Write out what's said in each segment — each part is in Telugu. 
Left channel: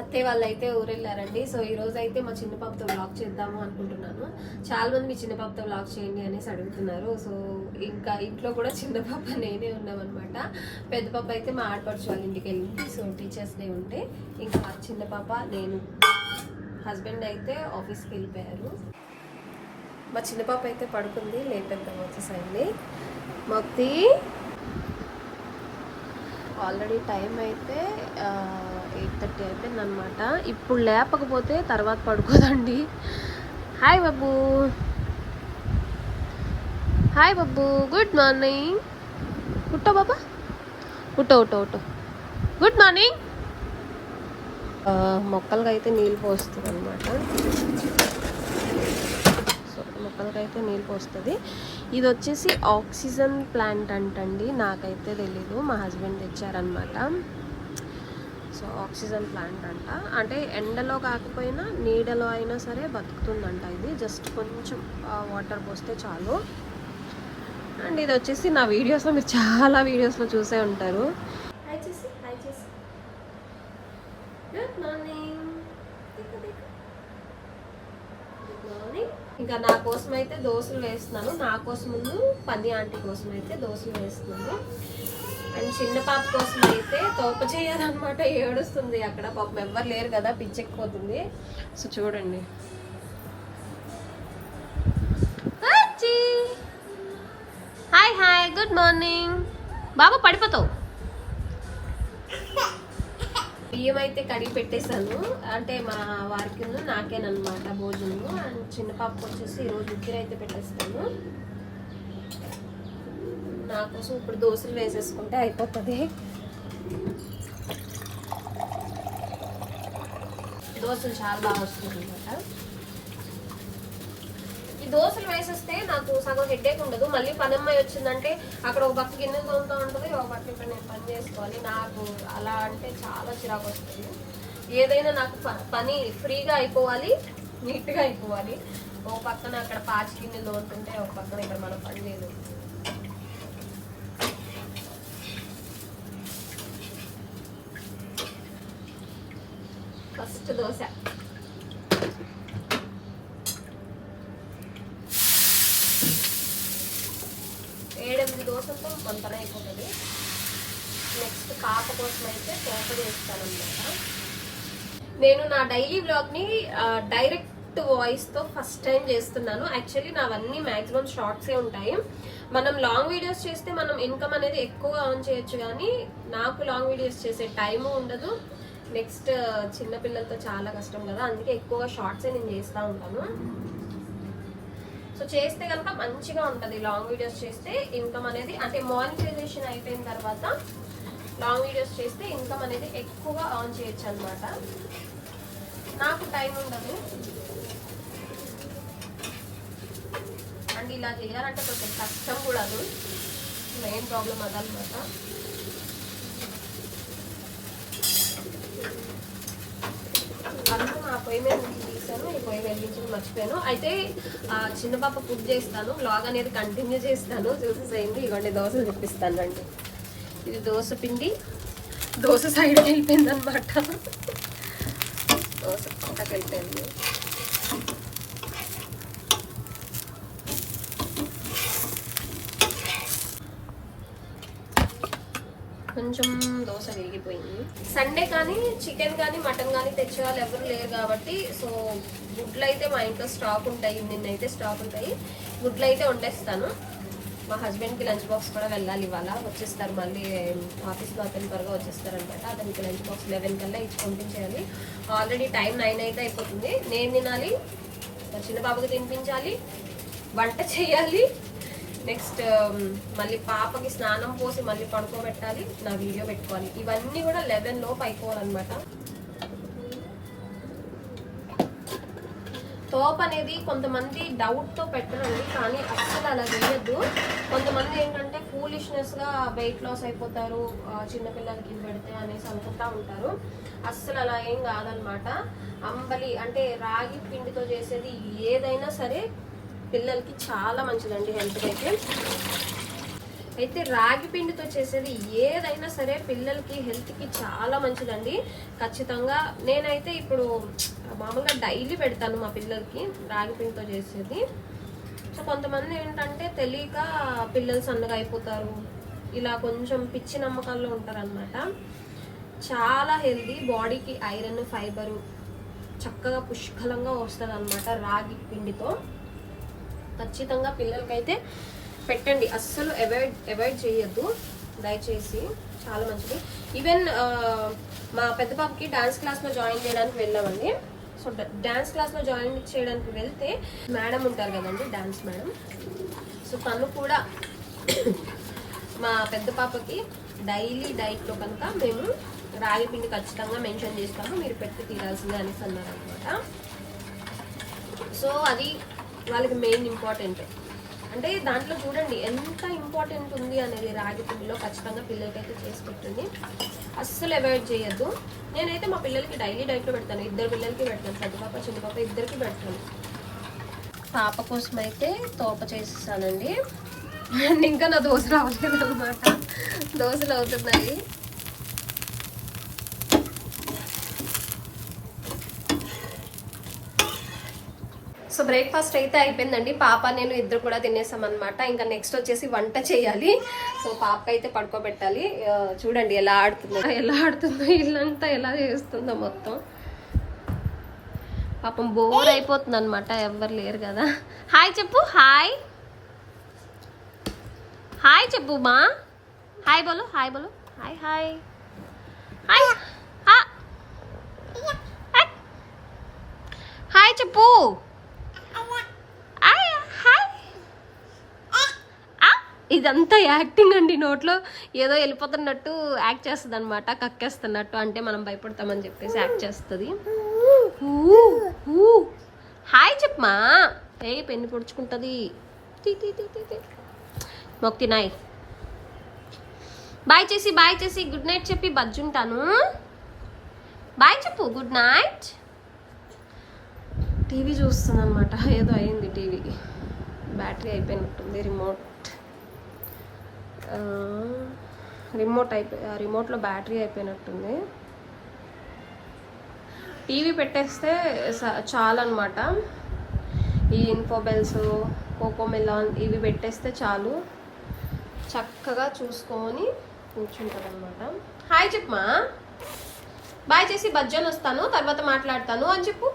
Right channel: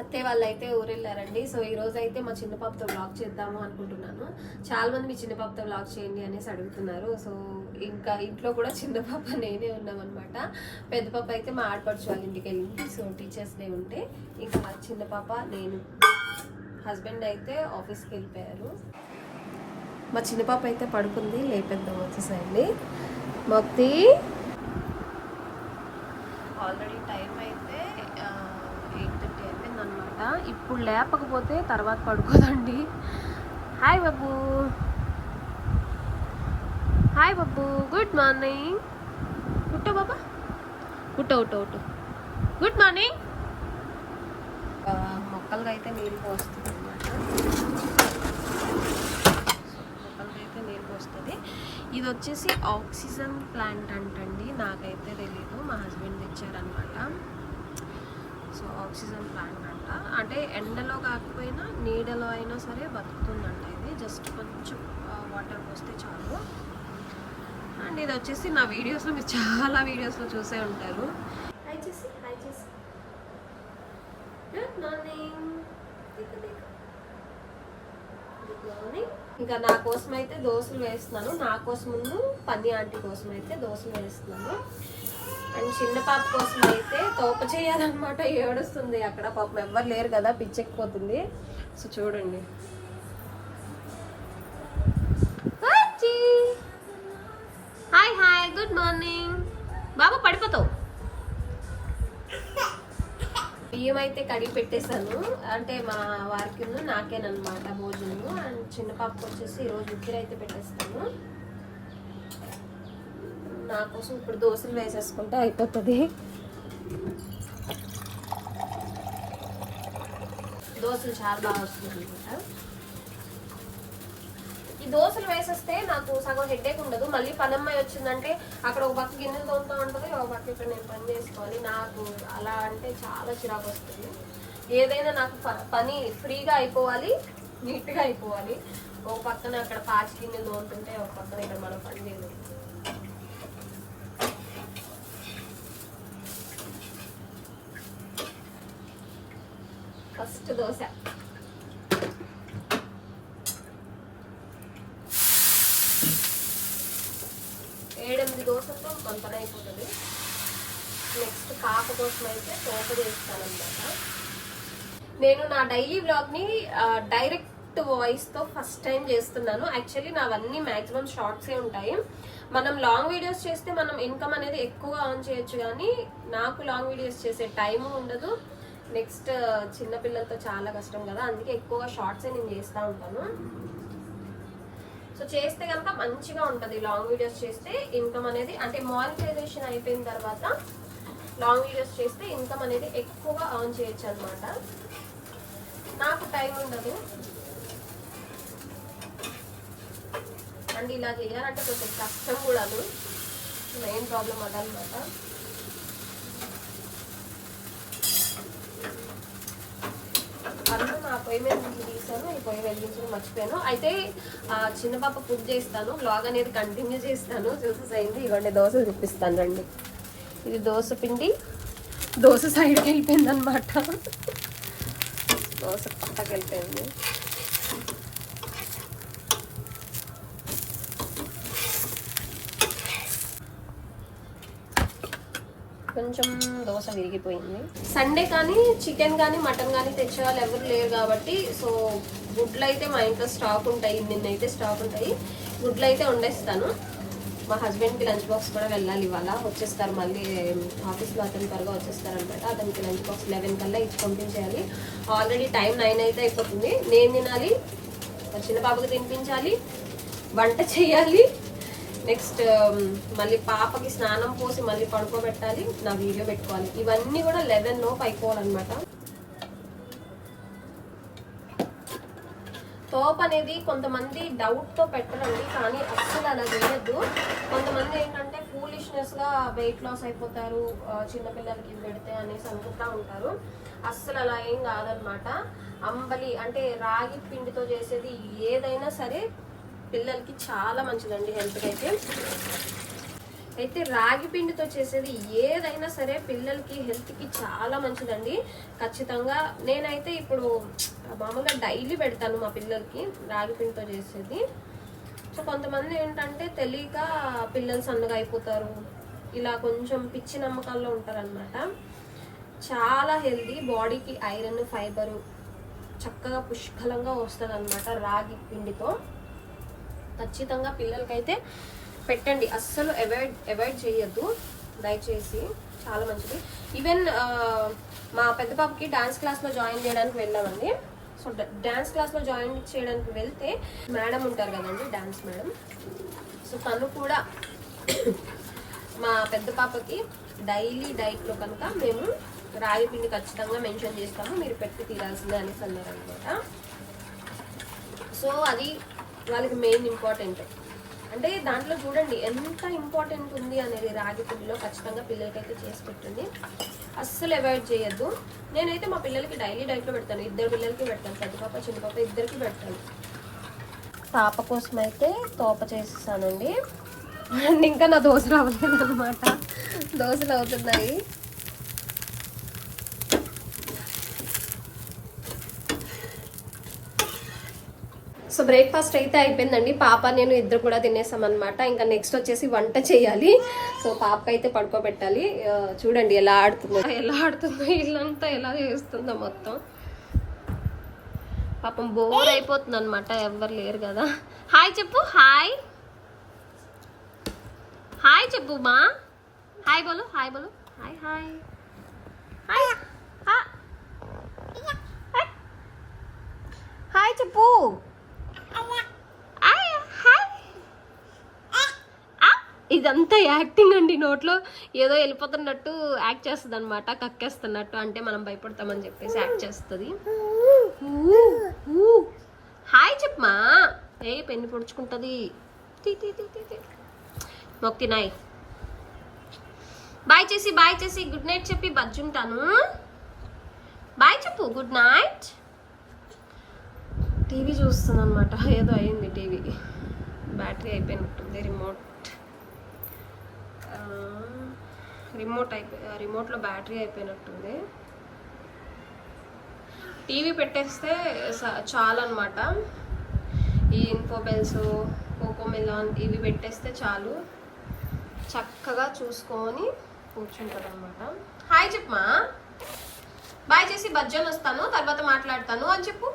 అత్తయ్య వాళ్ళు అయితే ఊరెళ్ళారండి. సో ఈ రోజు అయితే మా చిన్న పాపతో వ్లాగ్ చేద్దాము అనుకుంటున్నాను. చాలా మంది మీ చిన్న పాపతో వ్లాగ్ చేయండి అనేసి అడుగుతున్నారు. సో ఇంకా ఇంట్లో కూడా చిన్న పాప నేనే ఉన్నామన్నమాట. పెద్ద పాప అయితే మా ఆడపడుచు వాళ్ళ ఇంటికి వెళ్ళింది. సో టీచర్స్ డే ఉంటే ఇంకా చిన్న పాప నేను, హస్బెండ్ అయితే ఆఫీస్కి వెళ్ళిపోయారు. మా చిన్న పాప అయితే పడుకుంది, లేపేద్దాం వచ్చేసండి. మొక్తి ఆల్రెడీ టైం అయితే 8:30 అయిపోయింది అనమాట. ఇప్పుడు లేపకపోతే తర్వాత పడుకోదండి. హాయ్ బాబు, హాయ్ బాబు, గుడ్ మార్నింగ్. ఉట్టో బాబా, ఉట్టో ఉట్టో ఉట్టో, గుడ్ మార్నింగ్. మొక్కలకి అయితే నీళ్ళు పోస్తుంది అనమాట. మొక్కలకైతే నీళ్ళు పోస్తుంది. ఇది వచ్చేసి ఆక్సిజన్ ప్లాంట్ అంటండి, నాకైతే తెలీదు, మా హస్బెండ్ తెచ్చారనమాట. సో ఆక్సిజన్ ప్లాంట్ అంట, అంటే ఎండలో కాకపోయినా నీడలో అయినా సరే బతుకుతుందంట. ఇది జస్ట్ కొంచెం వాటర్ పోస్తే చాలు. అండ్ ఇది వచ్చేసి నా వీడియోస్లో మీరు చాలా వీడియోస్లో చూసే ఉంటారు. హాయ్ చేసి, హాయ్ చేసి, గుడ్ మార్నింగ్, గుడ్ మార్నింగ్. ఇంకా నా కోసం అయితే దోశలు వేస్తున్నాను, నా కోసం పని ఆంటీ కోసం అయితే దోశలు వేస్తున్నాను. అండ్ చిన్న పాప కోసం అయితే తోప చేయాలన్నమాట. ఏడుస్తుంది అక్కడ, పాపం ఎవ్వరు లేరు కదా, పిచ్చెక్కిపోతుంది. సో చూడండి. Hi hi, good morning. బాబా పడిపోతావు. బియ్యం అయితే కడిగి పెట్టేశాను, అంటే మా వారికి నాకేనమాట భోజనము. అండ్ చిన్న పాపకు వచ్చేసి ఈరోజు ఉక్కిరి అయితే పెట్టేస్తాను. నా కోసం ఇప్పుడు దోశలు వేసేసుకుంటే అయిపోతుంది. దోశలు చాలా బాగా వస్తుంది అనమాట. ఈ దోశలు వేసేస్తే నాకు సగం హెడ్ఏక్ ఉండదు. మళ్ళీ పనమ్మాయి వచ్చిందంటే అక్కడ ఒక పక్క గిన్నెలు తోముతూ ఉంటుంది, ఒక పక్క ఇక్కడ నేను పని చేసుకోవాలి. నాకు అలా అంటే చాలా చిరాకు వస్తుంది. ఏదైనా నాకు పని ఫ్రీగా అయిపోవాలి, నీట్గా అయిపోవాలి. ఒక పక్కన అక్కడ పాచి గిన్నెలు తోముతుంటే ఒక పక్కన ఇక్కడ మనం పని లేదు. ఫస్ట్ దోశ 7-8 దోశలతో కొంతనే అయిపోతుంది. నెక్స్ట్ పాప కోసం అయితే తోట చేస్తానమాట. నేను నా డైలీ వ్లాగ్ని డైరెక్ట్ వాయిస్తో ఫస్ట్ టైం చేస్తున్నాను. యాక్చువల్లీ నావన్నీ మ్యాక్సిమం షార్ట్సే ఉంటాయి. మనం లాంగ్ వీడియోస్ చేస్తే మనం ఇన్కమ్ అనేది ఎక్కువగా ఆన్ చేయొచ్చు, కానీ నాకు లాంగ్ వీడియోస్ చేసే టైము ఉండదు. నెక్స్ట్ చిన్నపిల్లలతో చాలా కష్టం కదా, అందుకే ఎక్కువగా షార్ట్సే నేను చేస్తూ ఉంటాను. సో చేస్తే కనుక మంచిగా ఉంటుంది లాంగ్ వీడియోస్ చేస్తే. ఇన్కమ్ అనేది అంటే మానిటైజేషన్ అయిపోయిన తర్వాత లాంగ్ వీడియోస్ చేస్తే ఇన్కమ్ అనేది ఎక్కువగా ఆన్ చేయొచ్చు అనమాట. నాకు టైం ఉండదు అండ్ ఇలా చేయాలంటే కొంచెం కష్టం కూడా. మెయిన్ ప్రాబ్లం అదనమాట. నా పొయ్యి మీద తీసాను, ఈ పొయ్యి వెలిగించడం మర్చిపోయాను. అయితే చిన్న పాప ఫుడ్ చేస్తాను, వ్లాగ్ అనేది కంటిన్యూ చేస్తాను. చూసేసేయండి. ఇవ్వండి దోశలు చూపిస్తాను రండి. ఇది దోశ పిండి, దోశ సైడ్కి వెళ్ళిపోయింది అనమాట. దోశ పక్కకి వెళ్ళిపోయింది. కొంచెం దోశ విరిగిపోయింది. సండే కానీ చికెన్ కానీ మటన్ కానీ తెచ్చే వాళ్ళు ఎవరు లేరు కాబట్టి సో గుడ్లు అయితే మా ఇంట్లో స్టాక్ ఉంటాయి. నిన్నైతే స్టాక్ ఉంటాయి. గుడ్లు అయితే వండేస్తాను. మా హస్బెండ్కి లంచ్ బాక్స్ కూడా వెళ్ళాలి, ఇవాళ వచ్చేస్తారు. మళ్ళీ ఆఫీస్లో అతను త్వరగా వచ్చేస్తారనమాట. అతనికి లంచ్ బాక్స్ 11 కల్లా ఇచ్చి పంపించేయాలి. ఆల్రెడీ టైం 9 అయితే అయిపోతుంది. నేను తినాలి, మా చిన్న బాబుకి తినిపించాలి, వంట చేయాలి. నెక్స్ట్ మళ్ళీ పాపకి స్నానం పోసి మళ్ళీ పడుకోబెట్టాలి, నా వీడియో పెట్టుకోవాలి. ఇవన్నీ కూడా 11 లోపు అయిపోవాలన్నమాట. తోప్ అనేది కొంతమంది డౌట్తో పెట్టరండి, కానీ అస్సలు అలా చేయొద్దు. కొంతమంది ఏంటంటే ఫూలిష్నెస్గా వెయిట్ లాస్ అయిపోతారు చిన్నపిల్లలకి ఇది పెడితే అనేసి అనుకుంటా ఉంటారు. అస్సలు అలా ఏం కాదనమాట. అంబలి అంటే రాగి పిండితో చేసేది ఏదైనా సరే పిల్లలకి చాలా మంచిదండి హెల్త్కి అయితే. అయితే రాగి పిండితో చేసేది ఏదైనా సరే పిల్లలకి హెల్త్కి చాలా మంచిదండి. ఖచ్చితంగా నేనైతే ఇప్పుడు మామూలుగా డైలీ పెడతాను మా పిల్లలకి రాగి పిండితో చేసేది. సో కొంతమంది ఏంటంటే తెలియక పిల్లలు సన్నగా అయిపోతారు, ఇలా కొంచెం పిచ్చి నమ్మకాల్లో ఉంటారనమాట. చాలా హెల్దీ, బాడీకి ఐరన్ ఫైబరు చక్కగా పుష్కలంగా వస్తుంది అనమాట రాగి పిండితో. ఖచ్చితంగా పిల్లలకైతే పెట్టండి, అస్సలు అవాయిడ్ చేయొద్దు దయచేసి, చాలా మంచిది. ఈవెన్ మా పెద్ద పాపకి డాన్స్ క్లాస్లో జాయిన్ చేయడానికి వెళ్ళామండి. సో డాన్స్ క్లాస్లో జాయిన్ చేయడానికి వెళ్తే మేడం ఉంటారు కదండి, డాన్స్ మేడం. సో తను కూడా మా పెద్ద పాపకి డైలీ డైట్లో కనుక మేము రాగి పిండి ఖచ్చితంగా మెన్షన్ చేస్తాము, మీరు పెట్టి తీరాల్సిందే అనేసి అన్నారు అనమాట. సో అది వాళ్ళకి మెయిన్ ఇంపార్టెంట్. అంటే దాంట్లో చూడండి ఎంత ఇంపార్టెంట్ ఉంది అనేది రాగి పిండిలో. ఖచ్చితంగా పిల్లలకైతే చేసి పెట్టండి, అస్సలు అవాయిడ్ చేయొద్దు. నేనైతే మా పిల్లలకి డైలీ డైట్లో పెడతాను, 2 పిల్లలకి పెడతాను, పెద్ద పాప చిన్న పాప ఇద్దరికి పెడతాను. పాప కోసం అయితే తోప చేసేసానండి. అండ్ ఇంకా నా దోశలు అవ్వలేదు అనమాట, దోశలు అవుతున్నాయి. సో బ్రేక్ఫాస్ట్ అయితే అయిపోయిందండి, పాప నేను ఇద్దరు కూడా తినేసాం అనమాట. ఇంకా నెక్స్ట్ వచ్చేసి వంట చేయాలి. సో పాప అయితే పడుకోబెట్టాలి. చూడండి ఎలా ఆడుతుందో ఇల్లంతా ఎలా చేస్తుందో మొత్తం. పాపం బోర్ అయిపోతుంది అనమాట, ఎవరు లేరు కదా. హాయ్ చెప్పు, హాయ్ హాయ్ చెప్పు మా, హాయ్ బోలో, హాయ్ బోలో, హాయ్ హాయ్ హాయ్ హాయ్ చెప్పు. ఇదంతా యాక్టింగ్ అండి, నోట్లో ఏదో వెళ్ళిపోతున్నట్టు యాక్ట్ చేస్తుంది అనమాట, కక్కేస్తున్నట్టు. అంటే మనం భయపడతామని చెప్పేసి యాక్ట్ చేస్తుంది. హాయ్ చెప్పమా, ఏ పెన్ను పొడుచుకుంటుంది. మొక్కి నాయ్, బాయ్ చేసి గుడ్ నైట్ చెప్పి బజ్జుంటాను. బాయ్ చెప్పు, గుడ్ నైట్. టీవీ చూస్తుంది అనమాట, ఏదో అయింది టీవీకి, బ్యాటరీ అయిపోయినట్టుంది. రిమోట్లో బ్యాటరీ అయిపోయినట్టుంది. టీవీ పెట్టేస్తే చాలు అనమాట. ఈ ఇన్ఫోబెల్స్, కోకోమెలాన్ ఇవి పెట్టేస్తే చాలు, చక్కగా చూసుకొని కూర్చుంటుంది అనమాట. హాయ్ చెప్పమా, బాయ్ చేసి బజ్జని వస్తాను, తర్వాత మాట్లాడతాను అని చెప్పు.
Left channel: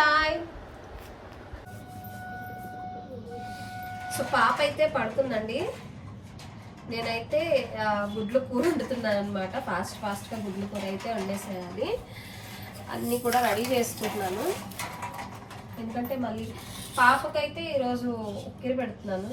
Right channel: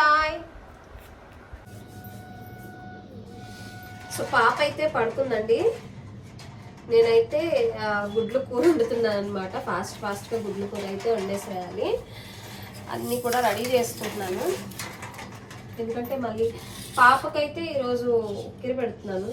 బాయ్. సో పాప అయితే పడుకుందండి, నేనైతే గుడ్లు కూర వండుతున్నాను అనమాట. ఫాస్ట్గా గుడ్లు కూర అయితే వండేసేయాలి. అన్నీ కూడా రెడీ చేసుకుంటున్నాను, ఎందుకంటే మళ్ళీ పాపకైతే ఈరోజు ఉక్కిరి పెడుతున్నాను.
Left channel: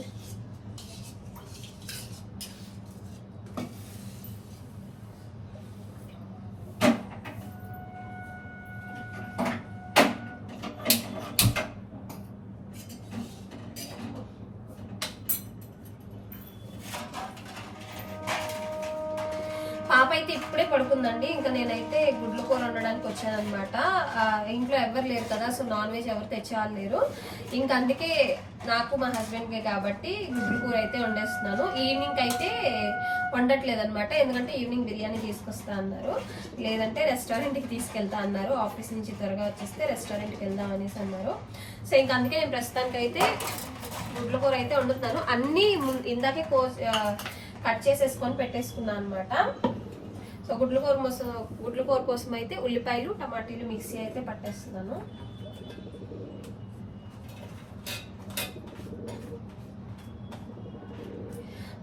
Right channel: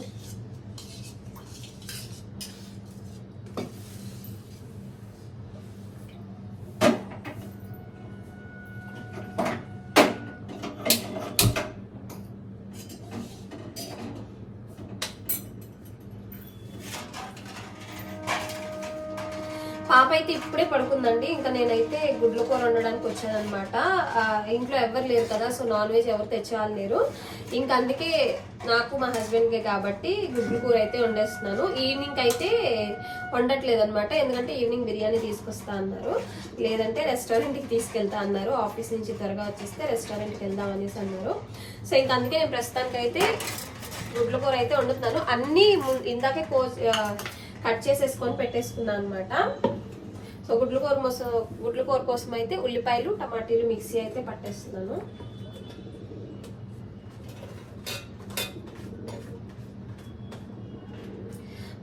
పాప అయితే ఇప్పుడే పడుకుందండి. ఇంకా నేనైతే గుడ్ల కూర వండడానికి వచ్చాను అనమాట. ఇంట్లో ఎవరు లేరు కదా, సో నాన్ వెజ్ ఎవరు తెచ్చేవాళ్ళు లేరు. ఇంకా అందుకే నాకు మా హస్బెండ్కే కాబట్టి గుడ్ల కూర అయితే వండేస్తున్నాను. ఈవినింగ్ అయితే వండట్లేదు అనమాట, ఎందుకంటే ఈవినింగ్ బిర్యానీ తీసుకొస్తా అన్నారు, లేదంటే రెస్టారెంట్కి తీసుకెళ్తా అన్నారు. ఆఫీస్ నుంచి త్వరగా వచ్చేస్తే రెస్టారెంట్కి వెళ్దాం అనేసి అన్నారు. సో ఇంకా అందుకే నేను ప్రస్తుతానికి అయితే గుడ్ల కూర అయితే వండుతున్నాను. అన్నీ ఇందాకే కట్ చేసేసుకొని పెట్టేసుకున్నాను అనమాట. సో గుడ్ల కూర కోసం అయితే ఉల్లిపాయలు టమాటీలు మిక్సీ అయితే పట్టేస్తున్నాను.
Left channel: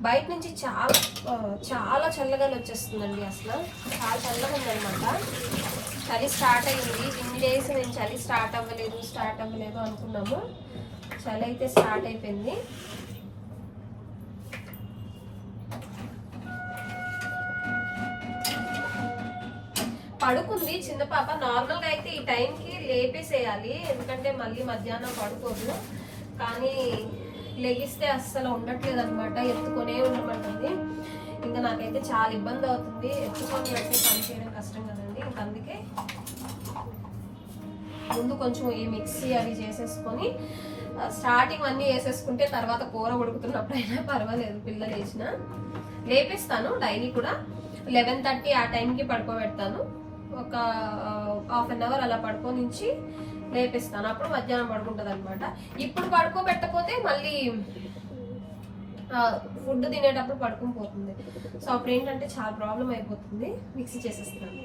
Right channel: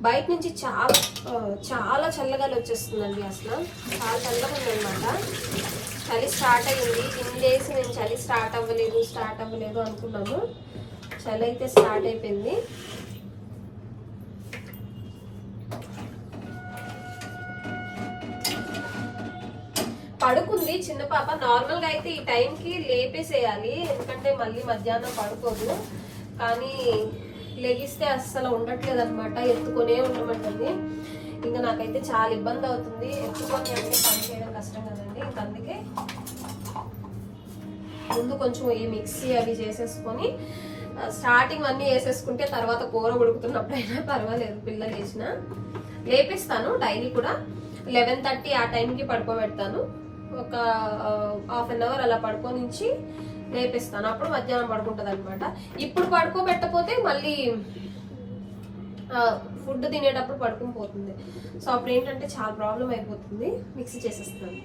బయట నుంచి చాలా చల్లగాలి వచ్చేస్తుందండి, అసలు చాలా చల్లగా ఉందన్నమాట. చలి స్టార్ట్ అయ్యింది. ఇన్ని డేస్ నేను చలి స్టార్ట్ అవ్వలేదు అనుకున్నాము, చలి అయితే స్టార్ట్ అయిపోయింది. పడుకుంది చిన్న పాప. నార్మల్గా అయితే ఈ టైంకి లేపేసేయాలి, ఎందుకంటే మళ్ళీ మధ్యాహ్నం పడుకోదు. కానీ లెగిస్తే అస్సలు ఉండట్లేదు అనమాట, ఎత్తుకొనే ఉండమంటుంది. ఇంకా నాకైతే చాలా ఇబ్బంది అవుతుంది, ఎత్తుకొని అయితే పని చేయడం కష్టం కదండి. ఇంకా అందుకే ముందు కొంచెం ఈ మిక్సీ అవి చేసేసుకొని స్టార్టింగ్ అన్నీ వేసేసుకుంటే తర్వాత కూర ఉడుకుతున్నప్పుడైనా పర్వాలేదు, పిల్లలు వేసిన లేపిస్తాను. డైలీ కూడా 11:30 ఆ టైంకి పడుకోబెడతాను. ఒక హాఫ్ అన్ అవర్ అలా పడుకోనించి లేపిస్తాను. అప్పుడు మధ్యాహ్నం పడుకుంటుంది అనమాట. ఇప్పుడు పడుకోబెట్టకపోతే మళ్ళీ ఫుడ్ తినేటప్పుడు పడుకుని పోతుంది. సో అప్పుడు ఏంటంటే చాలా ప్రాబ్లం అయిపోతుంది. మిక్సీ చేసేస్తాను.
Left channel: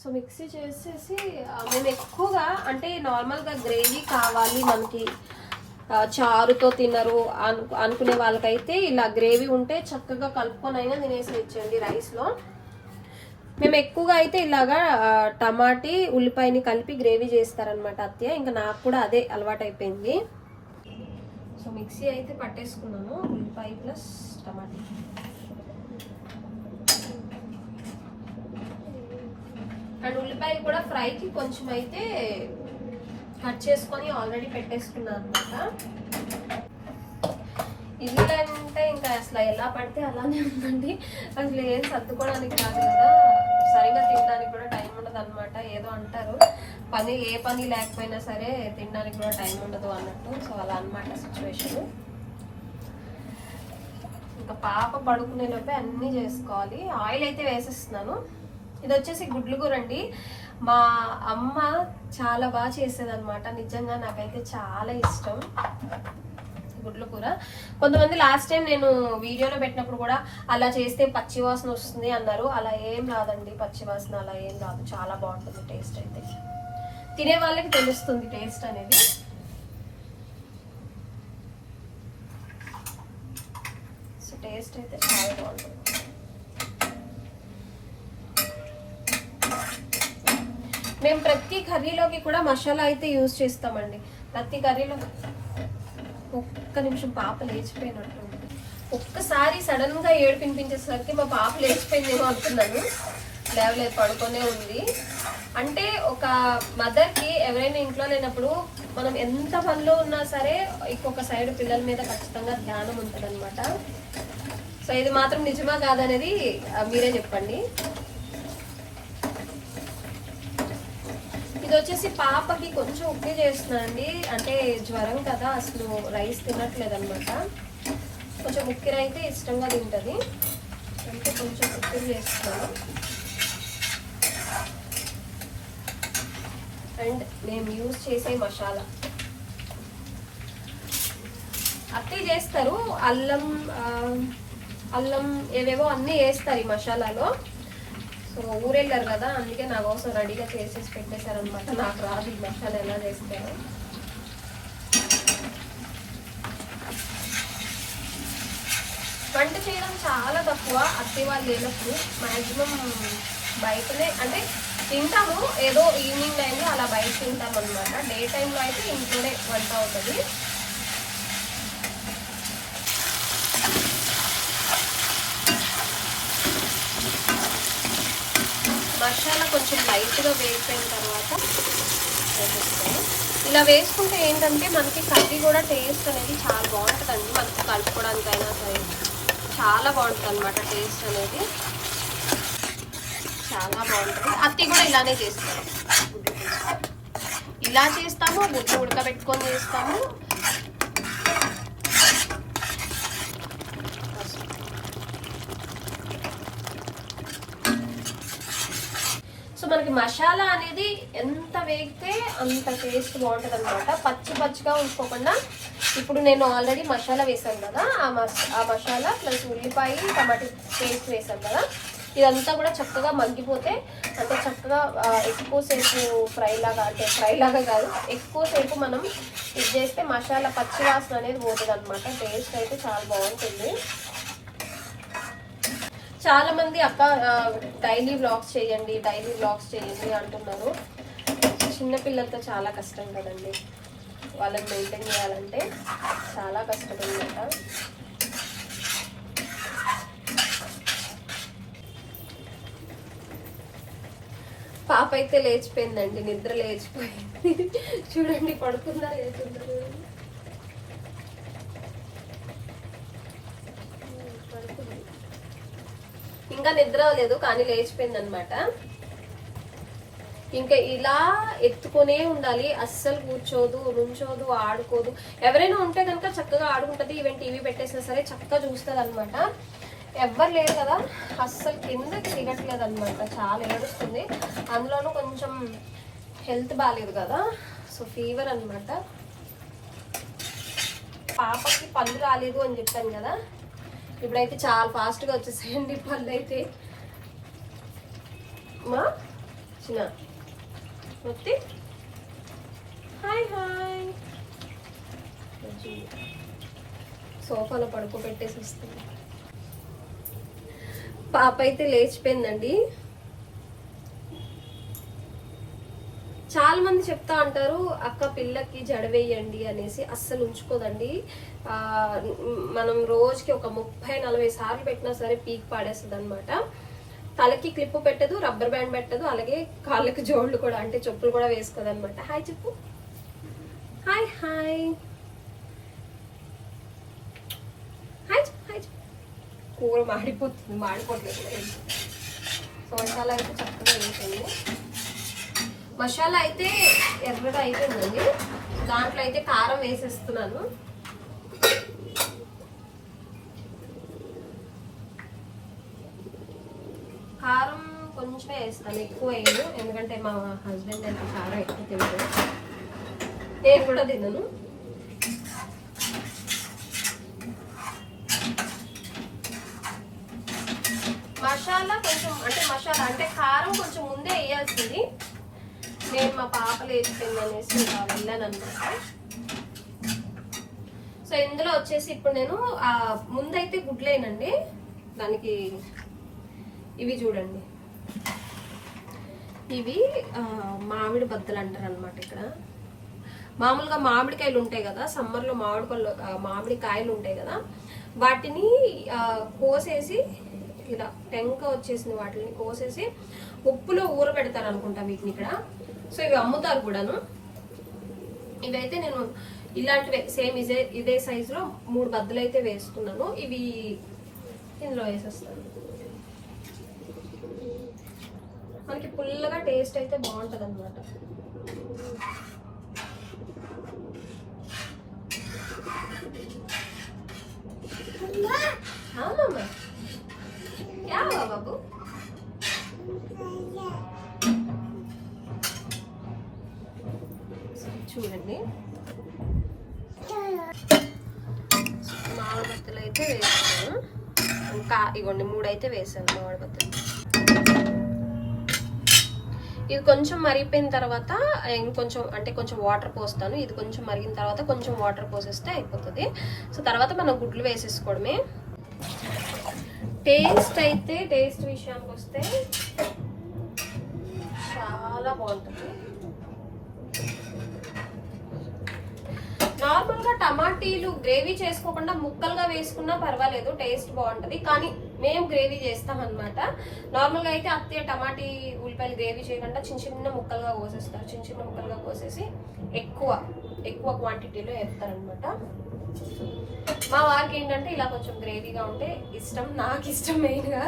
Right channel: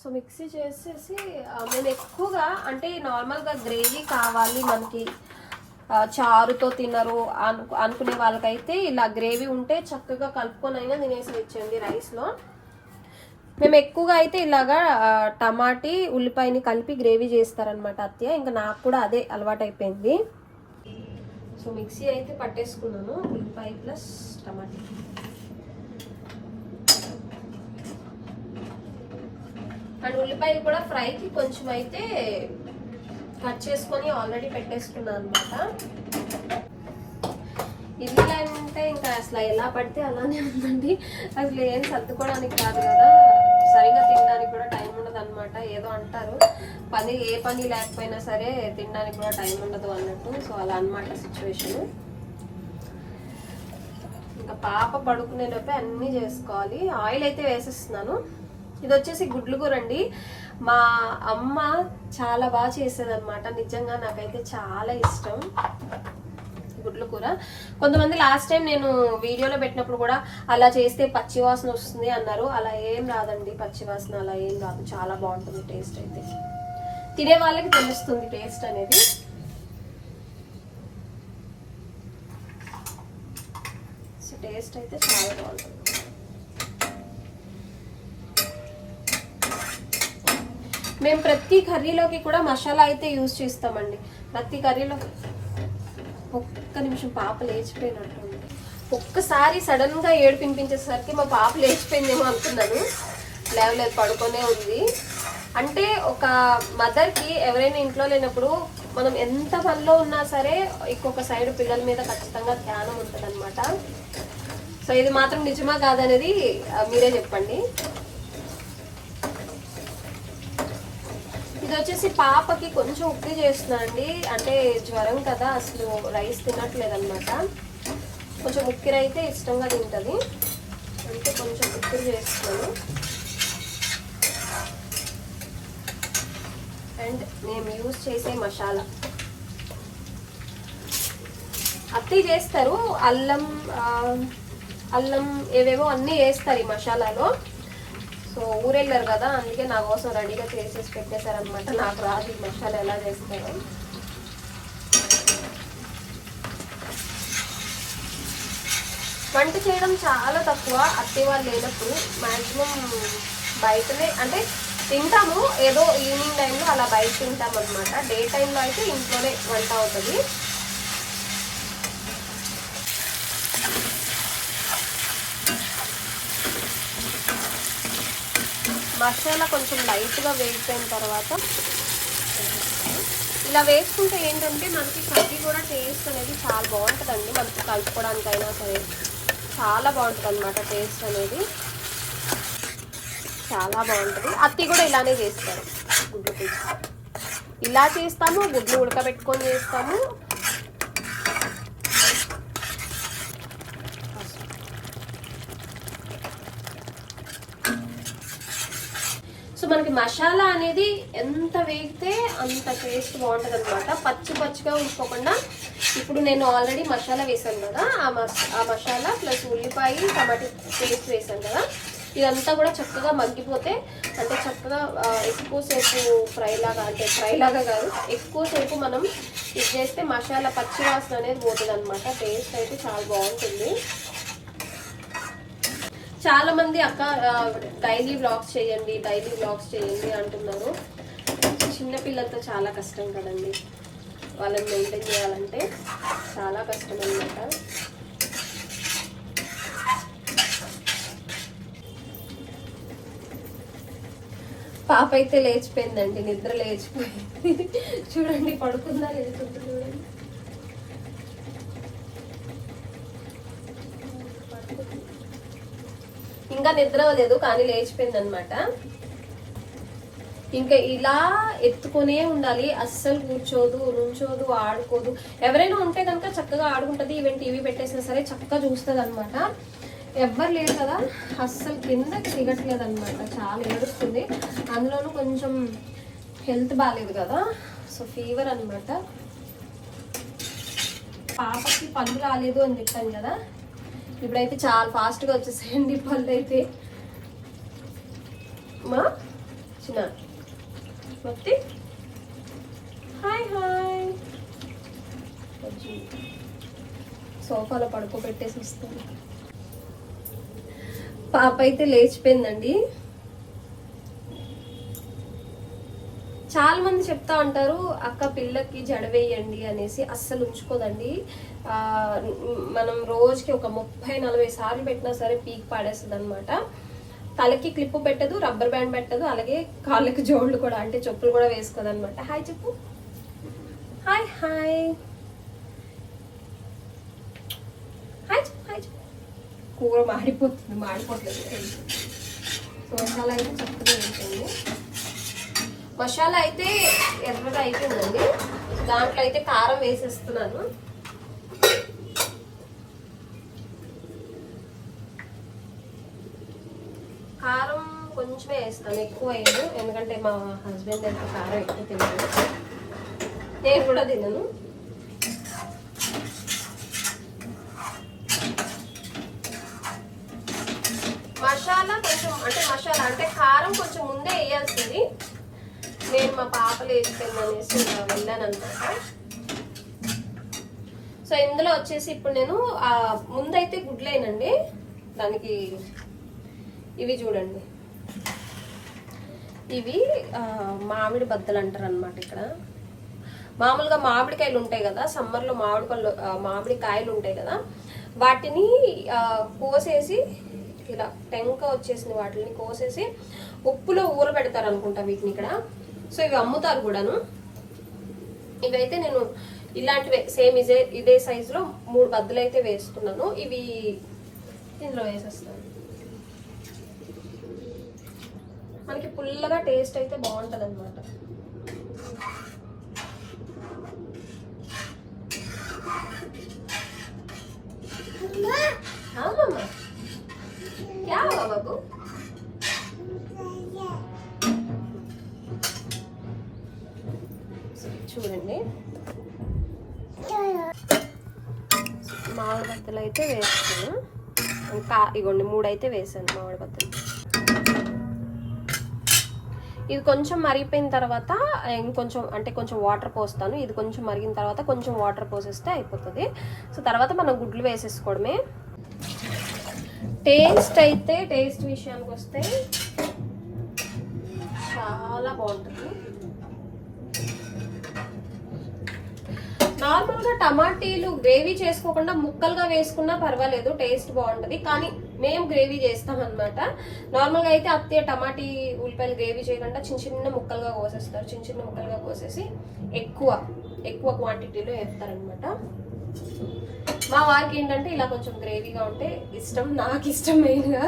సో మిక్సీ చేసేసి మేము ఎక్కువగా అంటే నార్మల్గా గ్రేవీ కావాలి మనకి, చారుతో తినరు అనుకునే వాళ్ళకైతే ఇలా గ్రేవీ ఉంటే చక్కగా కలుపుకొని అయినా తినేసేయచ్చండి రైస్లో. మేము ఎక్కువగా అయితే ఇలాగా టమాటీ ఉల్లిపాయని కలిపి గ్రేవీ చేస్తారనమాట అత్తయ్య. ఇంకా నాకు కూడా అదే అలవాటు అయిపోయింది. సో మిక్సీ అయితే పట్టేసుకున్నాను, ఉల్లిపాయ ప్లస్ టమాటీ. అండ్ ఉల్లిపాయలు కూడా ఫ్రైకి కొంచెం అయితే కట్ చేసుకొని ఆల్రెడీ పెట్టేసుకున్నాను అనమాట. ఇల్లు అంటే ఇంకా అసలు ఎలా పడితే అలానే ఉందండి. అసలు ఏం సర్దుకోవడానికి కాదు కదా, సరిగా తినడానికి కూడా టైం ఉండదు అనమాట. ఏదో అంటారు ఏ పని లేకపోయినా సరే తినడానికి కూడా టైం ఉండదు అన్నట్టు. సో అలా అనమాట సిచ్యువేషన్. ఇంకా పాప పడుకునేలోపే అన్నీ చేసుకోవాలి. ఆయిల్ అయితే వేసేస్తున్నాను. ఇది వచ్చేసి గుడ్లు కూర అండి. మా అమ్మ చాలా బాగా చేసేది అనమాట. నిజంగా నాకైతే చాలా ఇష్టం గుడ్ల కూర. కొంతమంది లాస్ట్ టైం నేను వీడియోలో పెట్టినప్పుడు కూడా అలా చేస్తే పచ్చివాసన వస్తుంది అన్నారు. అలా ఏం రాదండి, పచ్చివాసన అలా ఏం రాదు. చాలా బాగుంటుంది టేస్ట్ అయితే. తినే వాళ్ళకి తెలుస్తుంది టేస్ట్ అనేది. సో టేస్ట్ అయితే చాలా బాగుంటుంది. మేము ప్రతి కర్రీలోకి కూడా మసాలా అయితే యూజ్ చేస్తామండి. ప్రతి కర్రీలో. ఒక్క నిమిషం, పాప లేచిపోయినట్టు. ఒక్కసారి సడన్ గా ఏడిపించేసరికి మా పాప లేచిపోయిందేమో అనుకున్నాను. లేవలేదు, పడుకొనే ఉంది. అంటే ఒక మదర్కి ఎవరైనా ఇంట్లో లేనప్పుడు మనం ఎంత పనిలో ఉన్నా సరే ఇంకొక సైడ్ పిల్లల మీద ఖచ్చితంగా ధ్యానం ఉంటుంది అనమాట. సో ఇది మాత్రం నిజమా కాదనేది మీరే చెప్పండి. ఇది వచ్చేసి పాపకి కొంచెం ఉప్పు చేస్తున్నానండి. అంటే జ్వరం కదా, అసలు రైస్ తినట్లేదు అనమాట. కొంచెం ఉక్కిరి అయితే ఇష్టంగా తింటుంది. అంటే కొంచెం ఉక్కిరి చేస్తున్నాను. అండ్ మేము యూజ్ చేసే మసాలా అత్తయ్య చేస్తారు. అల్లం ఏవేవో అన్నీ వేస్తారు ఈ మసాలాలో. సో ఊరెళ్ళారు కదా, అందుకే నా కోసం రెడీగా చేసేసి పెట్టేశారనమాట. నాకు రాదు ఈ మసాలా ఎలా చేస్తారో. వంట చేయడం చాలా తక్కువ అత్తయ్య వాళ్ళు లేనప్పుడు. మ్యాక్సిమం బయటనే అంటే తింటాము, ఏదో ఈవినింగ్ టైంలో అలా బయట తింటాం అనమాట. డే టైంలో అయితే ఇంట్లోనే వంట అవుతుంది. మసాలా కొంచెం లైట్గా వేగిపోయిన తర్వాత ఇలా వేసుకుంటే ఏంటంటే మనకి కర్రీ కూడా టేస్ట్ అనేది చాలా బాగుంటుందండి. మనకి కలుపుకోవడానికైనా సరే చాలా బాగుంటుంది అనమాట. టేస్ట్ అనేది చాలా బాగుంటుంది. అత్తి కూడా ఇలానే చేస్తారు. గుడ్లు పులుసు ఇలా చేస్తాము, గుడ్లు ఉడకబెట్టుకొని చేస్తాము. సో మనకి మసాలా అనేది ఎంత వేగితే అంత టేస్ట్ బాగుంటుంది అనమాట. పచ్చిగా ఉంచుకోకుండా. ఇప్పుడు నేను ఆల్రెడీ మసాలా వేసాను కదా, ఆ మసాలా ప్లస్ ఉల్లిపాయ టమాటో పేస్ట్ వేసాను కదా, ఇదంతా కూడా చక్కగా మగ్గిపోతే, అంటే చక్కగా ఎక్కువసేపు ఫ్రై లాగా కాదు, ఎక్కువసేపు మనం ఇది చేస్తే మసాలా పచ్చి వాసన అనేది పోతుంది అనమాట. టేస్ట్ అయితే చాలా బాగుంటుంది. చాలా మంది అక్క డైలీ వ్లాగ్స్ చేయండి అంటున్నారు. చిన్నపిల్లలతో చాలా కష్టం కదండి, వాళ్ళని మెయింటైన్ చేయాలంటే చాలా కష్టం అన్నమాట. పాప అయితే లేచిపోయిందండి, నిద్ర లేచిపోయింది. చూడండి పడుకుందా లేచుందా చూడండి. ఇంకా నిద్ర లేదు కానీ లేచిపోయింది అనమాట. ఇంకా ఇలా ఎత్తుకునే ఉండాలి, అస్సలు కూర్చోదు, నుంచోదు, ఆడుకోదు. ఎవరైనా ఉంటే కనుక చక్కగా ఆడుకుంటది, ఈవెన్ టీవీ పెట్టేసినా సరే చక్కగా చూస్తుంది అనమాట. ఎవ్వరు లేరు కదా, అస్సలు కిందకి దిగట్లేదు అనమాట, చాలా ఏడుస్తుంది. అందులోనూ కొంచెం హెల్త్ బాగాలేదు కదా, సో ఫీవర్ అనమాట. పాపకి పళ్ళు రాలేదు అని చెప్పాను కదా, ఇప్పుడైతే చాలా ఫాస్ట్గా వచ్చేసేయండి పళ్ళు అయితే. మా చిన్న మొత్తి హాయ్ హాయ్, సోఫాలో పడుకోబెట్టేసి వస్తుంది. పాప అయితే లేచిపోయిందండి. చాలా మంది చెప్తా ఉంటారు అక్క పిల్లకి జడ వేయండి అనేసి, అస్సలు ఉంచుకోదండి. మనం రోజుకి ఒక 30-40 సార్లు పెట్టినా సరే పీక్ పాడేస్తుంది అనమాట. తలకి క్లిప్ పెట్టదు, రబ్బర్ బ్యాండ్ పెట్టదు, అలాగే కాళ్ళకి జోళ్ళు కూడా, అంటే చెప్పులు కూడా వేసుకోదు అనమాట. హాయ్ చెప్పు, హాయ్ హాయ్ హాయ్ చెప్పు, హాయ్ చెప్పు. కూర మాడిపోతుంది. సో మసాలా అయితే చక్కగా వేసింది. మసాలా అయితే ఎర్రగా అయిపోయిందండి. దాంట్లో అయితే కారం వేసేస్తున్నాను. కారం కొంచెమే వేస్తాను, ఎక్కువ వేయను, ఎందుకంటే మా హస్బెండ్ అయితే కారం ఎక్కువ తినరు, నేను కూడా తినను. మసాలా అంటే కారం కొంచెం ముందే వేయాల్సింది. నేను మా పాప లేచిపోయింది అనేసి వెళ్ళాను అనమాట. సో ఇందులో వచ్చేసి ఇప్పుడు నేను ముందైతే గుడ్లేనండి, దానికి ఇవి చూడండి, ఇవి మామిడి బద్దలు అంటారు అనమాట. ఇక్కడ మామూలుగా మామిడికాయలు ఉంటాయి కదా, సమ్మర్లో మామిడికాయలు ఉంటాయి కదా, వాటిని కోసేసి ఇలా టెంక వచ్చేసిన వాటిని కోసేసి ఉప్పులో ఊరబెడతారు అనుకుంటా వీటిని ఇక్కడ. సో ఇవి అమ్ముతారు కూడాను. ఇవైతే నేను ఇలాంటివే సేమ్ ఇదే సైజులో 3 బద్దలు అయితే వేసుకున్నాను. ఇవి ఇందులో వేసేస్తాను. మనకి పుల్లగా టేస్ట్ అయితే బాగుంటుంది అనమాట. బాబు చూడండి, మామిడి బత్తలు అయితే వేస్తాను. ఇంకా ఇగోండి 3 అయితే వేసాను మామిడి బత్తలు. ఇది కొంచెం మరిగిపోయిన తర్వాత ఇంకొంచెం అంటే కొంచెం వాటర్ పోస్తాను. ఇది కొంచెం మరిగిన తర్వాత కొంచెం వాటర్ పోసేస్తే అయిపోతుంది. సో తర్వాత మనం గుడ్లు వేసేసుకోవడమే. టేస్ట్ విషయానికి వస్తే చాలా బాగుంటుంది. నార్మల్గా టమాటీలు గ్రేవీ చేసుకోకుండా ముక్కలుగా వేసుకున్నా పర్వాలేదు, టేస్ట్ బాగుంటుంది. కానీ మేము గ్రేవీ చేస్తాం అనమాట. నార్మల్గా అయితే అత్తయ్య టమాటీ ఉల్లిపాయలు గ్రేవీ చేయకుండా చిన్న ముక్కలుగా కోసేస్తారు. చిన్న ముక్కలుగా కోసేసి ఎక్కువ క్వాంటిటీలో వేస్తారనమాట. మా వారికి ఏంటంటే ఇలా కొంచెం గ్రేవీగా ఉంటే ఇష్టం, నాకు ఇష్టం మెయిన్గా.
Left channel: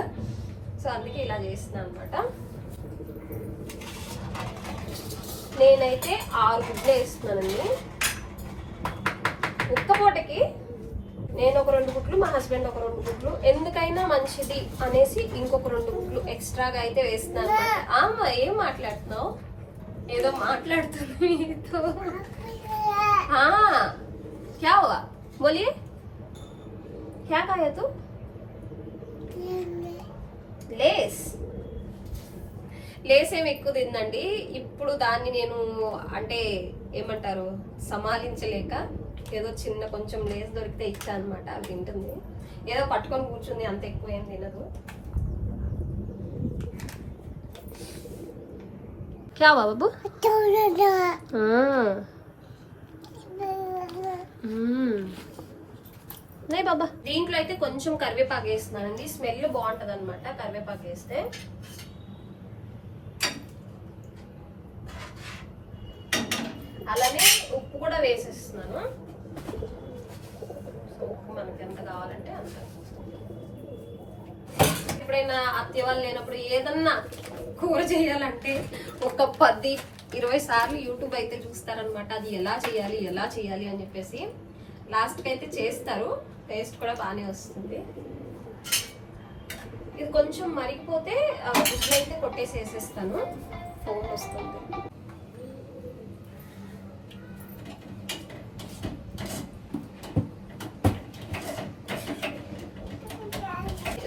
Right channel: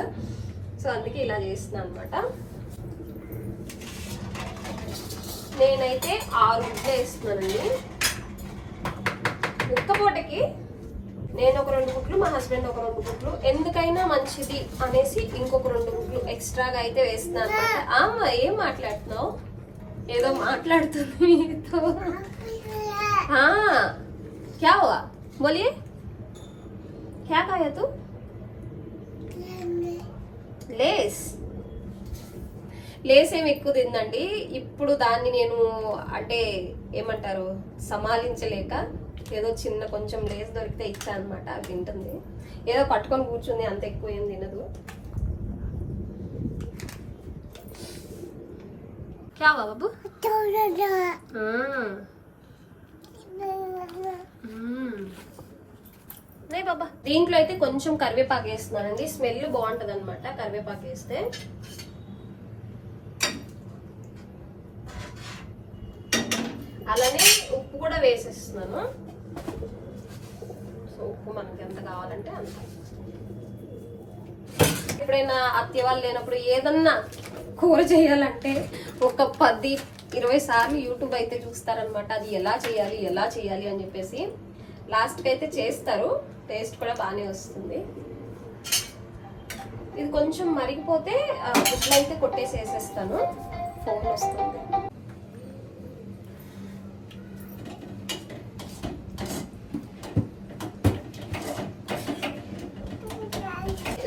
సో అందుకే ఇలా చేస్తున్నాను అనమాట. నేనైతే 6 గుడ్లు వేస్తున్నానండి. ఒక్కపూటకి నేను ఒక 2 గుడ్లు, మా హస్బెండ్ ఒక 2 గుడ్లు, ఎందుకైనా మంచిది అనేసి ఇంకొక 2 గుడ్లు ఎక్స్ట్రాగా అయితే వేస్తున్నాను. అమ్మా ఏం మాట్లాడుతున్నావు? ఏదో మాట్లాడుతుంది మీతో. క్యా హువా బోలియే, క్యా ఖాయా తూ? లేస్ ఏమి ఎక్కువ తిందండి. ఇప్పుడు దాన్ని నేను అంటే ఏమంటారు సమాలించలేక ఏదో చిన్న కొంచెం లేస్ దొరికితే ఇచ్చా అనమాట. అది తింటుంది, ఏదో పట్టుకొని కూర్చుంది, అంత ఎక్కువ ఏం తినదు. క్యా బాబు బాబా. దీంట్లో అయితే కొంచెం కరివేపాకు వేస్తున్నానండి, స్మెల్ బాగుంటది అనమాట కరివేపాకు వేస్తే. అలానే ఉప్పు కూడా వేసేస్తున్నాను. సో ఉప్పు మనకి ఎంత కావాలంటే అంత. ఎప్పుడైనా అత్తయ్య వాళ్ళు లేనప్పుడు ఏదన్నా కూర చేయాలంటే ఒక 10-20 సార్లు యూట్యూబ్ అయితే చూస్తారనమాట. అది ఎలా చేయాలి అని చెప్పేసి లాస్ట్కి అయితే చేస్తారు. టేస్ట్ కూడా బాగానే వస్తుంది. ఇది కొంచెం మరిగిపోతే గుడ్లు అయితే కొట్టేసి వేసేస్తాను. ఫోన్ వస్తుంది.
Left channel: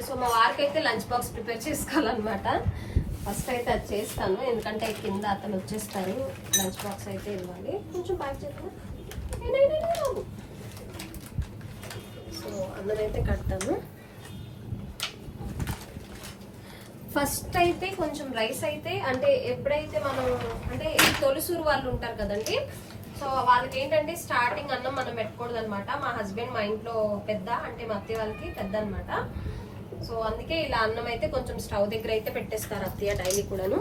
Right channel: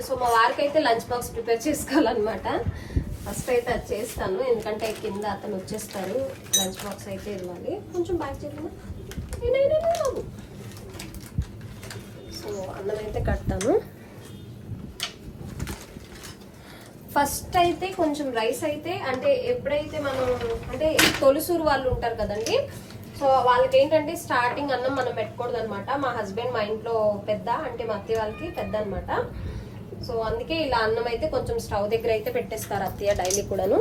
సో మా వారికి అయితే లంచ్ బాక్స్ ప్రిపేర్ చేసుకోవాలన్నమాట. ఫస్ట్ అయితే అది చేస్తాను, ఎందుకంటే కింద అతను వచ్చేస్తారు. లంచ్ బాక్స్ అయితే ఇవ్వాలి. కొంచెం బ్యాక్ చెప్పిన. సో అన్నదైతే కడతాను. ఫస్ట్ అయితే కొంచెం రైస్ అయితే అంటే ఎప్పుడైతే మనం అంటే తొలిసూరు వాళ్ళు ఉంటారు కదండి, సో వాళ్ళకి ఏంటంటే స్టార్టింగ్ అన్నం మనం పెట్టుకూడదు అనమాట. మా హస్బెండ్ మా ఇంట్లో పెద్ద, అంటే మా అత్తయ్య వాళ్ళకి పెద్ద అనమాట. సో అందుకే ఇలా అన్నం అయితే కొంచెం స్టవ్ దగ్గర అయితే పెట్టేస్తారు అత్తయ్య డైలీ కూడాను.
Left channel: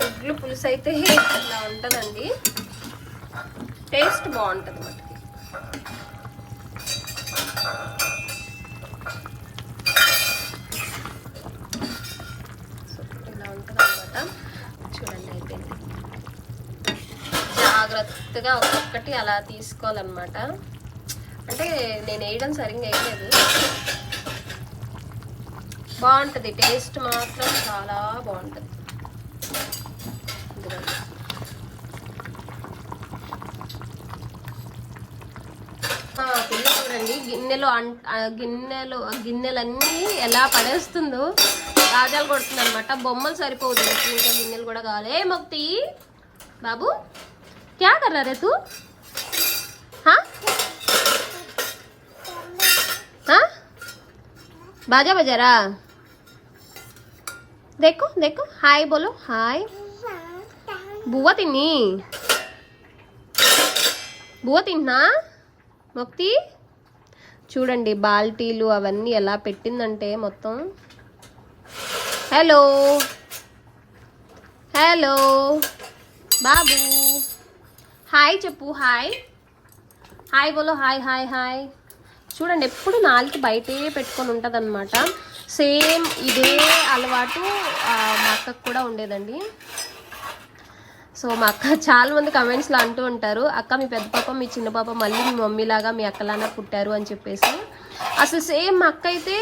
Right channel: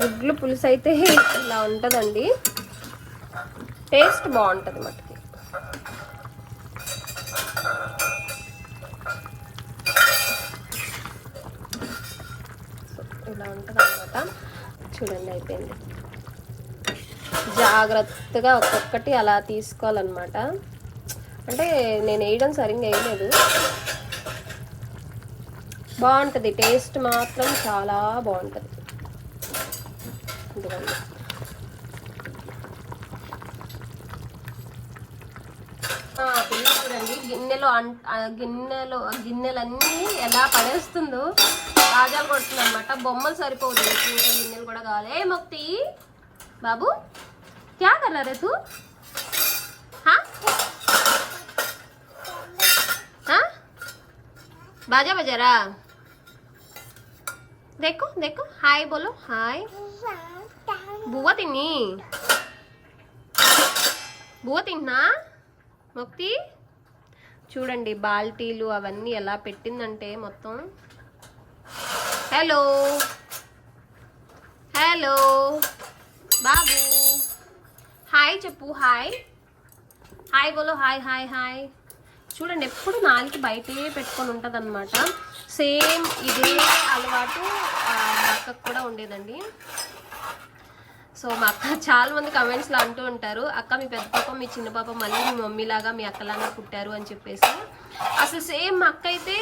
గుడ్లు పులుసు అయితే ఇలా ఉంటుందండి, టేస్ట్ బాగుంటుంది అన్నమాట. ఇలా ఉంటుంది అన్నమాట. చూడండి అయిపోయింది. జాగ్రత్తగా ఒక్కొక్కటి అలా తీసుకోవాలన్నమాట. అంటే నేను వేయడం సరిగ్గా వేయలేదు. బాగుంటుంది, టేస్ట్ మాత్రం చాలా బాగుంటుంది. పిల్ల చూడండి గిన్నెలన్నీ ఎలా పడేస్తుందో, రాజాలు కొడుతుంది అనమాట. బొమ్మలు సరిపోదు, ఇంకా గిన్నెలు కూడా కావాలి. ఏ మొక్తి బాబు क्या कर रहा रे तू? हाँ हाँ बाजा बजा रहा. देखो देखो हाय बोलो. हाय बुआ తిన్నా మొక్తి. చూడండి బాల్టీలు అవన్నీ ఎలా పెట్టిందంటే మొత్తం. హలో హలో బాబు హాయ్ చెప్పు. హాయ్ హాయ్ బోలో. Hi hi hi. చూడండి ఎప్పుడు నాలుగు బయటే పెట్టుకొని ఉంటుంది అనమాట. సేమ్ ఇదే అలవాటు మా అక్కకు కూడా ఉండేదండి. సో మా అక్క చాలా మంది కమెంట్స్లో అంటూ ఉంటారు, అక్క మీ పెద్ద పాప మీ చిన్న పాప మళ్ళీ మీ మమ్మీలాగా మీ అక్కలాగా పుట్టారు అని చెప్పేసి. అసలు సేమ్ మా అక్క అయితే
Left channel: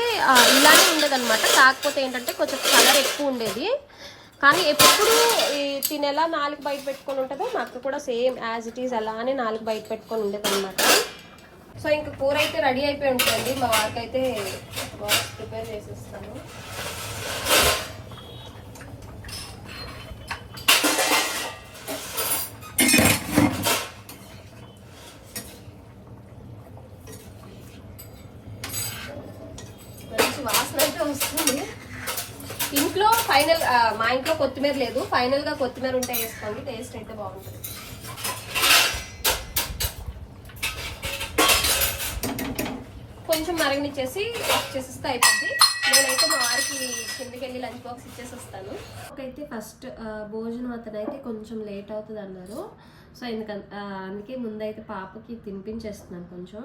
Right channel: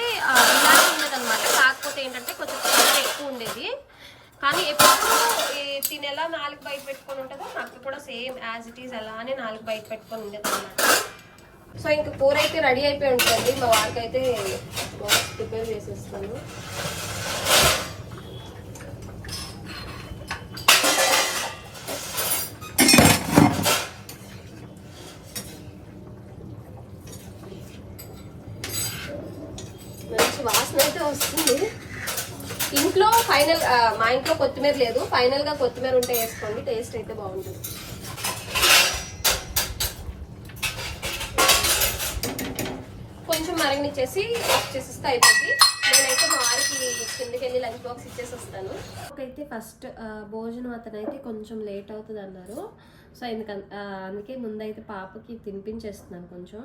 ఇలానే ఉండేదన్నమాట. కాకపోతే ఏంటంటే కొంచెం కలర్ ఎక్కువ ఉండేది. కానీ ఎప్పుడు తినేలా నాలుగు బయట పెట్టుకొని ఉంటుందో మా అక్క కూడా సేమ్ యాజ్ ఇట్ ఈజ్ అలానే నాలుగు బయట పెట్టుకొని ఉండేది అనమాట. సో ఇంక కూర అయితే రెడీ అయిపోయి ఉంటుంది. మా వారికి అయితే బాక్స్ ప్రిపేర్ చేసేస్తాను. మంచి వాసన అయితే వస్తుంది. ఇంట్లో ఫైనల్ మా ఇంట్లో కొత్తిమీర లేదు, ఫైనల్గా కొత్తిమీర ఉంటే వేసుకోండి, టేస్ట్ అయితే బాగుంటుంది. కొంచెం మరగనిచ్చేసి ఆఫ్ చేసేస్తే అయిపోద్ది. నేనైతే మా వారికి కిందకి వెళ్ళి లంచ్ బాక్స్ ఇచ్చేసి వస్తాను. ఒకైతే ఫస్ట్ భోజనం అతను అయితే కొంచెం లేట్ అవుతుంది అన్నారు. సో అందుకే ముందైతే పాపకి తినిపించేస్తున్నాను కొంచెం.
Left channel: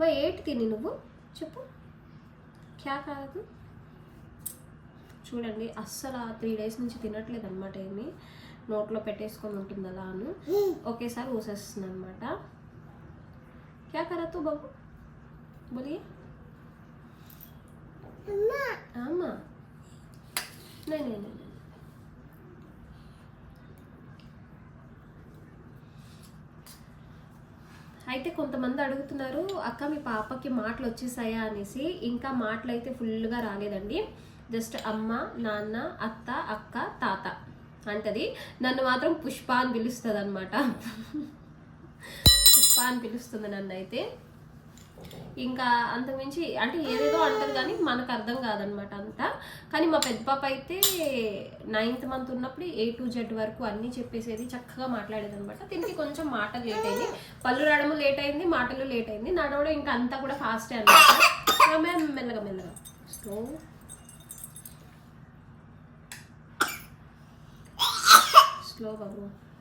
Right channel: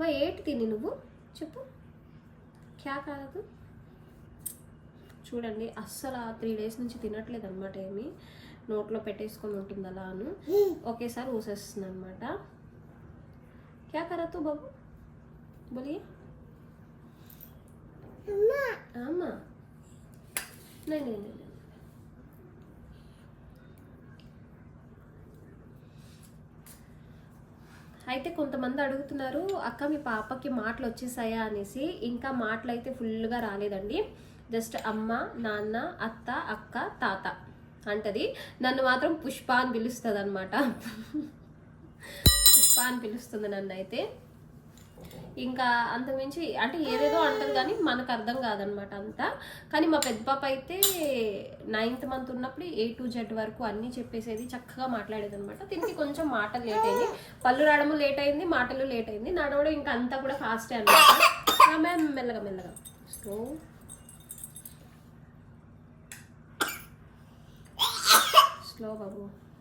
మా ఏటి తిని నువ్వు చెప్పు, క్యా కాదు. చూడండి అస్సలు 3 days నుంచి తినట్లేదు అనమాట. ఏమి నోట్లో పెట్టేసుకొని ఉంటుంది అలా అని ఒకేసారి ఊసేస్తుంది అనమాట. క్యా కరా తూ బాబు బోలియే. అమ్మా నే అయితే కొంతమంది అడుగుతున్నారు, అక్క మీ పాపకి మాటలు వచ్చేసాయా అనేసి. ఇంకా మాటలు అయితే ఫుల్గా రాలేదండి. జస్ట్ అమ్మ, నాన్న, అత్త, అక్క, తాత అంటది. నన్ను మాత్రం పుష్ప అని పిలుస్తుంది అనమాట. పుష్ప అని పిలుస్తుంది నన్ను అయితే. ఇంకా అంతకుమించి అంటే ఏదేదో అంటది కానీ మనకు అర్థం కాదనమాట అంతా. కానీ మా పెద్ద పాప అయితే 9th month ఉన్నప్పుడు A to Z వరకు అన్నీ చెప్పేసేది, చక్కగా మాట్లాడేది అనమాట. దీనికి కొంచెం మాటలు లేట్ అయింది, పళ్ళు రావడము లేట్ అయింది, మాటలు లేట్ అయింది, నడవడం ఇంకా అంతా కూడా ఫాస్టే అనమాట. మెల్లగా స్లో స్లో బాబు.